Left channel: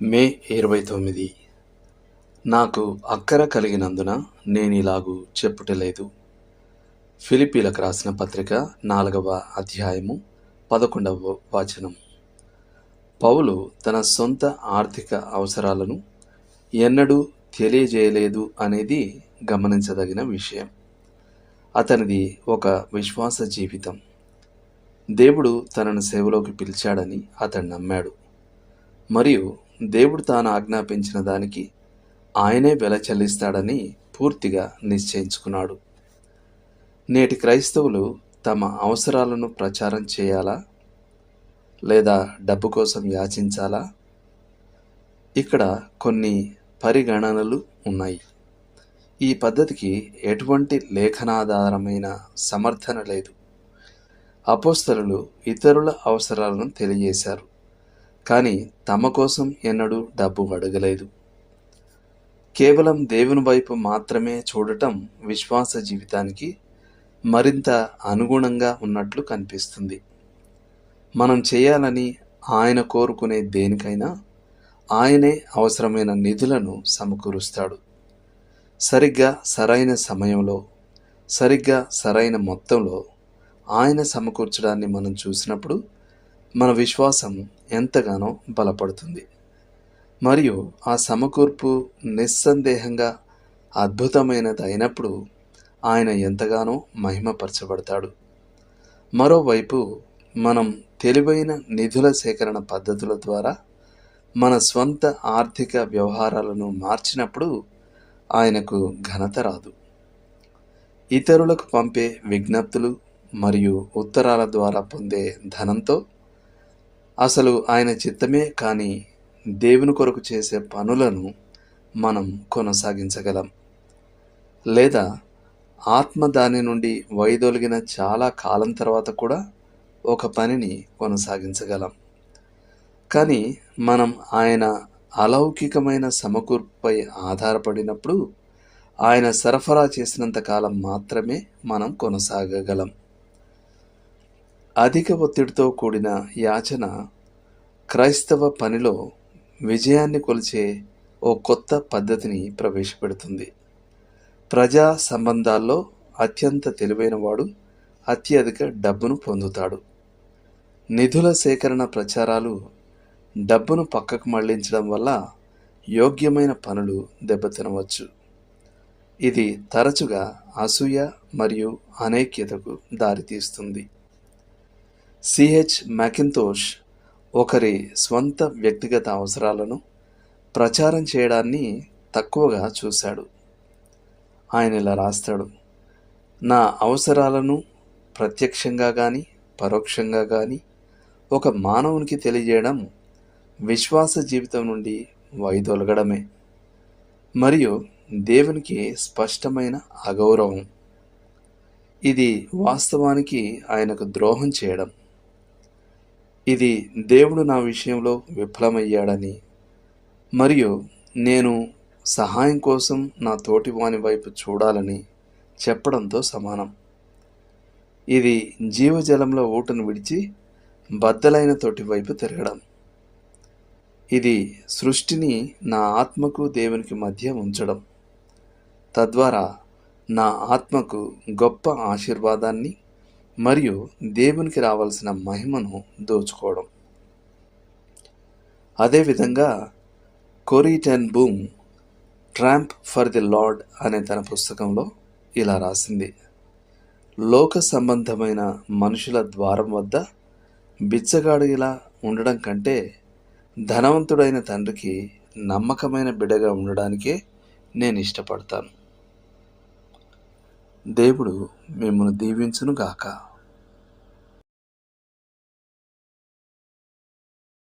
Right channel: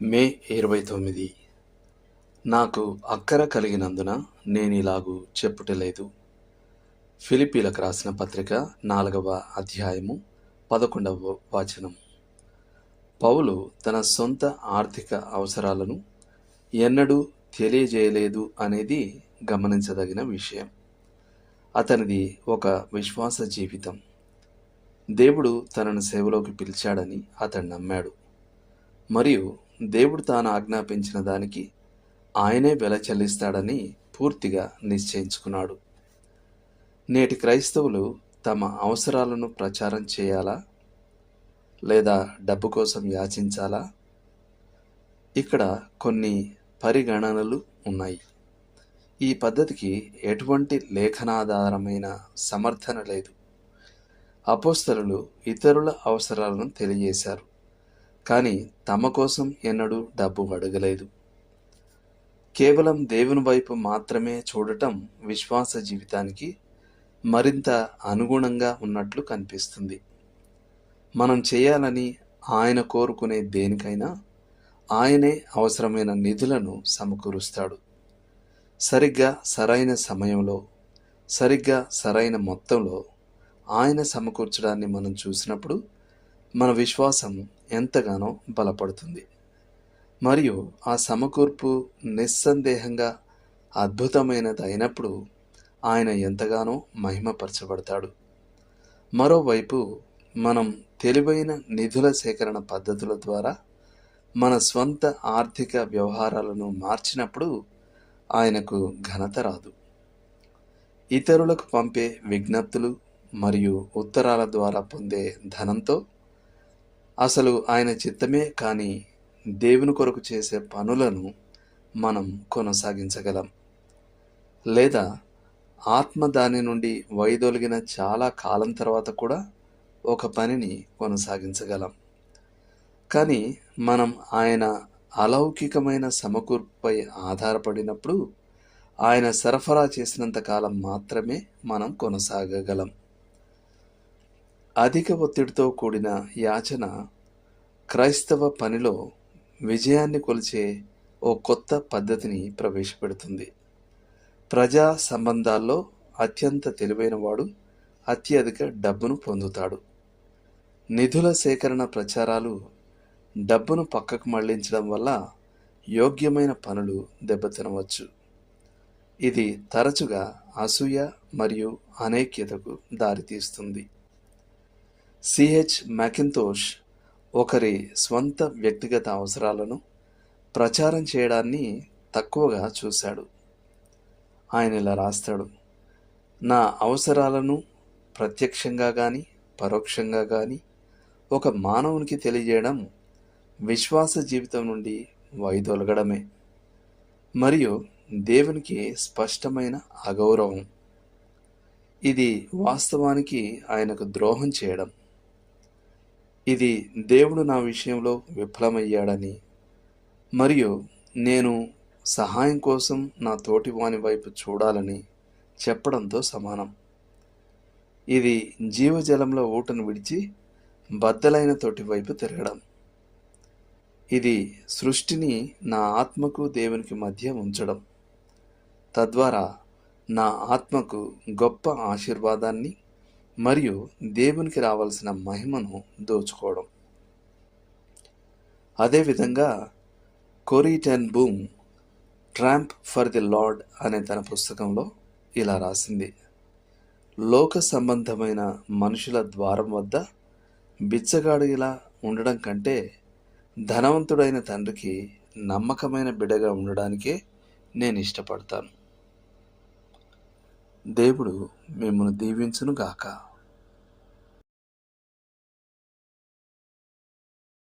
మే 29. నాకు అక్కర కలిగినందున నేనిలాగు చెప్పుటలేదు. ఫిలిప్పీలకు రాసిన పత్రిక 4వ అధ్యాయము 11వ వచనం. పౌలు తన సొంత ఆర్థిక అవసరాలను ఎన్నడూ తెలియజేయలేదు అనేది గమనించదగిన విషయం. అతనిది ఒక విశ్వాస జీవితం. దేవుడు తనను సేవలోకి పిలిచాడని అతడు నమ్మాడు. మరియు దేవుడు తాను ఆజ్ఞాపించిన దానికి ఆయనే వెల చెల్లిస్తాడని పూర్తిగా నిశ్చయించుకున్నాడు. నేటి క్రైస్తవులు తమ అవసరాలను ప్రచారం చేయాలా లేదా డబ్బు కోసం యాచించాలా? ఇక్కడ కొన్ని పరిగణనలు ఉన్నాయి. ఈ పద్ధతికి ఎటువంటి లేఖనాధారమైన సమర్థన లేదు. అపోస్తలులు ఇతరుల అవసరాలను తెలియజేశారు, కానీ తమ కోసం ఎన్నడూ డబ్బు అడగలేదు. కేవలం దేవుని వైపు మాత్రమే చూడటం విశ్వాస జీవితానికి మరింత అనుగుణంగా ఉన్నట్లు కనిపిస్తుంది. మనం చేయాలని ఆయన కోరుకునే దేనికైనా ఆయనే అవసరమైన నిధులను సమకూరుస్తాడు. సరిగ్గా సరైన సమయంలో, సరిగ్గా సరైన మొత్తంలో ఆయన సమకూర్చడాన్ని మనం చూసినప్పుడు మన విశ్వాసం ఎంతగానో బలపడుతుంది. మరియు ఆ సమకూర్పు నిస్సందేహంగా అద్భుతమైనది అయినప్పుడు ఆయన ఎంతగానో మహిమపరచబడతాడు. మరోవైపు మనం తెలివైన నిధుల సేకరణ పద్ధతుల ద్వారా మన స్వంత ఆర్థిక వ్యవహారాలను మార్చినప్పుడు ఆయనకు ఘనత రాదు. ఇతరులకు పంపే విజ్ఞప్తులు మరియు ఉత్తరాల ద్వారా పొందే ధనంతో అసలు ఆయన చిత్తమే కాని దేవుని కొరకు చేసే పనులను మనం కొనసాగించగలం. లేదా ఆత్మ దాని నుండి వైదొలిగిన చాలా కాలం తర్వాత కూడా ఒక పనిని కొనసాగించగలం. కానీ మనం ఆయన అలౌకికమైన సమకూర్పుపై ఆధారపడినప్పుడు ఆయన సరఫరా చేసినంత కాలం మాత్రమే మనం కొనసాగగలం. అధిక ఒత్తిడితో కూడిన యాచన క్రైస్తవ పనిలో విజయాన్ని కొలిచే ఓ కొత్త పద్ధతిని ప్రవేశపెడుతుంది. ప్రజా సంబంధాల్లో అత్యంత తెలివైన వాడు అత్యధిక డబ్బును పొందుతాడు. నిధుల సేకరణ ప్రచారాలు డబ్బును పక్కకు మళ్లించడం వల్ల యోగ్యమైన పనులు దెబ్బతినవచ్చు. ఇది తరచుగా అసూయ మరియు అనైక్యతకు దారితీస్తుంది. సిహెచ్ మ్యాకింతోష్ ఒకరి స్వంత వ్యక్తిగత అవసరాలను ప్రచారం చేయడాన్ని తక్కువగా చూశాడు. ఆయన ఇలా రాస్తాడు: నా అవసరాలను ప్రత్యక్షంగా కానీ పరోక్షంగా కానీ ఒక మానవునికి తెలియజేయడం విశ్వాస జీవితం నుండి వైదొలగడమే మరియు దేవునికి స్పష్టమైన అగౌరవం. ఇది వాస్తవానికి ఆయనకు ద్రోహం చేయడం. ఇది దేవుడు నా విషయంలో విఫలమయ్యాడని మరియు నేను సహాయం కోసం నా తోటి వాని వైపు చూడాలని చెప్పడంతో సమానం. ఇది జీవజలంలో ఊటను విడిచి బద్దలైన తోటి వైపు తిరగడం. ఇది సృష్టిని నా ఆత్మకు దేవునికి మధ్య ఉంచడం, తద్వారా నా ఆత్మకు గొప్ప ఆశీర్వాదాన్ని మరియు దేవునికి రావాల్సిన మహిమను దోచుకోవడం. అదేవిధంగా కోరీ ten boom tramp for the lord అనే తన పుస్తకంలో ఇలా రాసింది: లోక సంబంధమైన మనుషుల ద్వారం వద్ద బిచ్చగాడిలా ఉండడం కంటే ధనవంతుడైన తండ్రికి నమ్మకమైన బిడ్డగా ఉండడానికే నేను ఇష్టపడతాను. దేవుడు మిమ్మల్ని దీవించును గాక.